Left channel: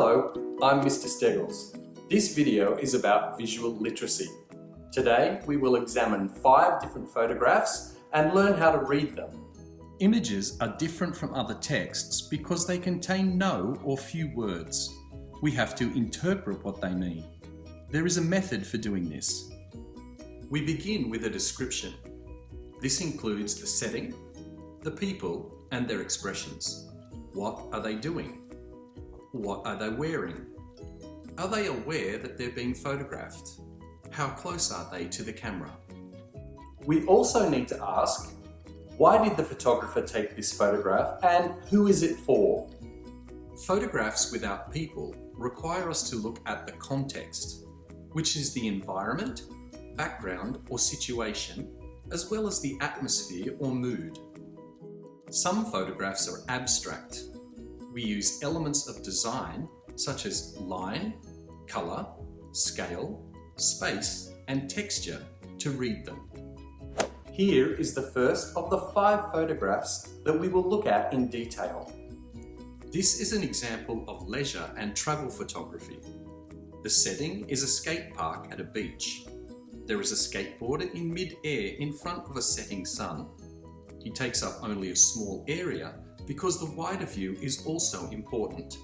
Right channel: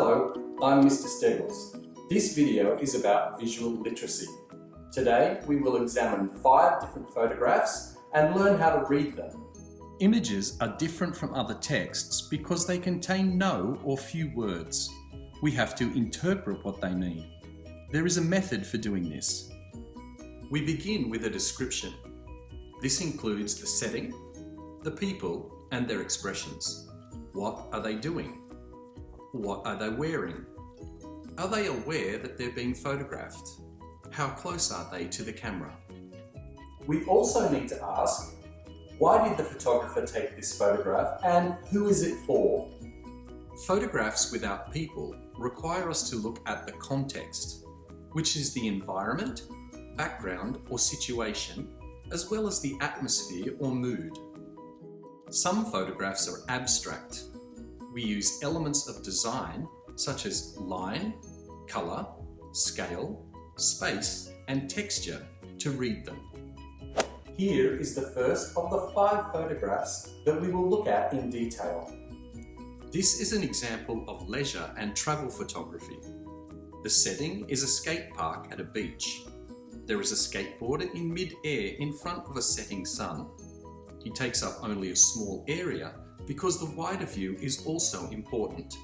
Hello, I'm Mr. Steggels. This video is about visual literacy. Today we will examine 5 different photographs and learn how to read them. Images are different from other texts because they contain no or few words. We have to interpret what they mean. There is a method for doing this. We begin with a description. This includes the setting, the people and their expressions. What are they doing? What are they wearing? Are they aware that they're being photographed? How close are they to the camera? We also need to ask, why did the photographer take this photograph and who is it for? Photographs without people require us to look at the context, which is the environment, background or situation, as well as the atmosphere or mood. Some photographs are abstract. We use elements of design such as line, colour, scale, space and texture to read them. Here is the first of the 5 photographs that we will look at in detail. This is an example of leisure and travel photography. The setting is a skate park at a beach. There is a skateboarder in mid-air in front of a setting sun. He takes up only a small area because the wider view is also important,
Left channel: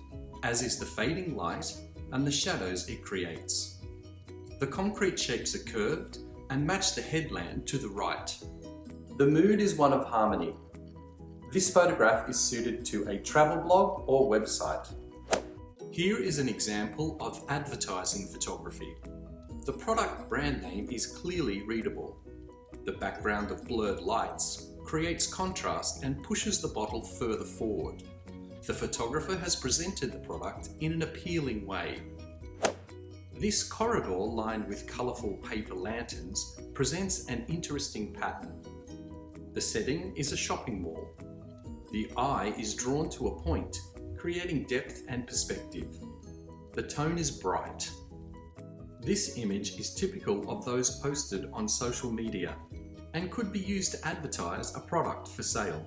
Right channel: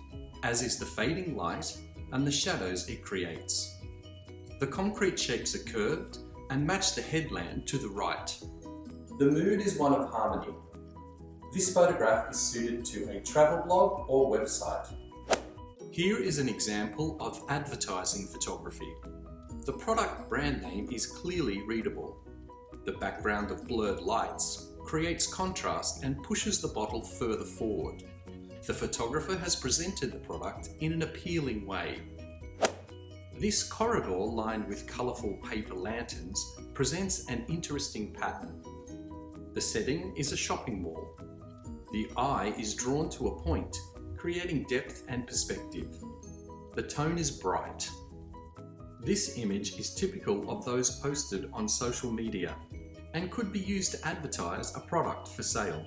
as is the fading light and the shadows it creates. The concrete shapes are curved and match the headland to the right. The mood is one of harmony. This photograph is suited to a travel blog or website. Here is an example of advertising photography. The product brand name is clearly readable. The background of blurred lights creates contrast and pushes the bottle further forward. The photographer has presented the product in an appealing way. This corridor lined with colourful paper lanterns presents an interesting pattern. The setting is a shopping mall. The eye is drawn to a point, creating depth and perspective. The tone is bright. This image is typical of those posted on social media and could be used to advertise a product for sale.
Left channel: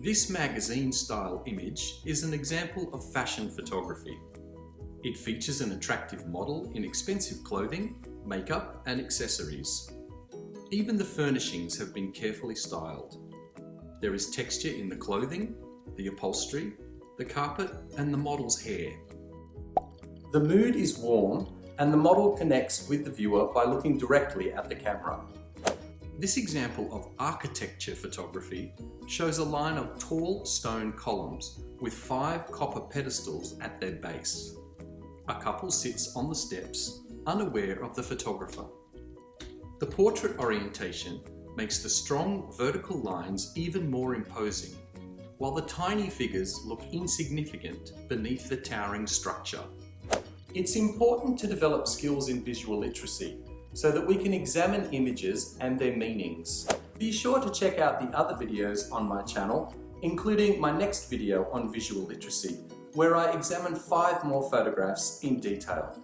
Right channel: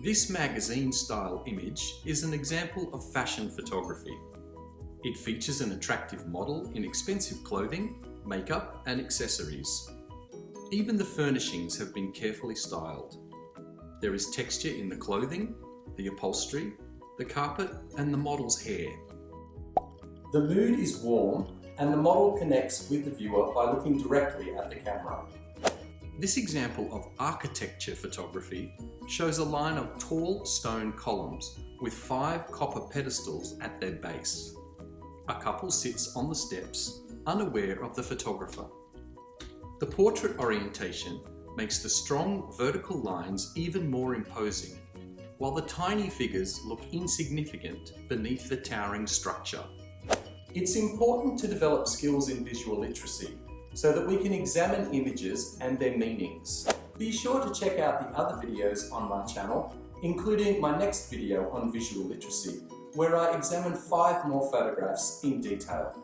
This magazine-style image is an example of fashion photography. It features an attractive model in expensive clothing, makeup and accessories. Even the furnishings have been carefully styled. There is texture in the clothing, the upholstery, the carpet and the model's hair. The mood is warm and the model connects with the viewer by looking directly at the camera. This example of architecture photography shows a line of tall stone columns with 5 copper pedestals at their base. A couple sits on the steps, unaware of the photographer. The portrait orientation makes the strong vertical lines even more imposing, while the tiny figures look insignificant beneath the towering structure. It's important to develop skills in visual literacy so that we can examine images and their meanings. Be sure to check out the other videos on my channel, including my next video on visual literacy, where I examine 5 more photographs in detail.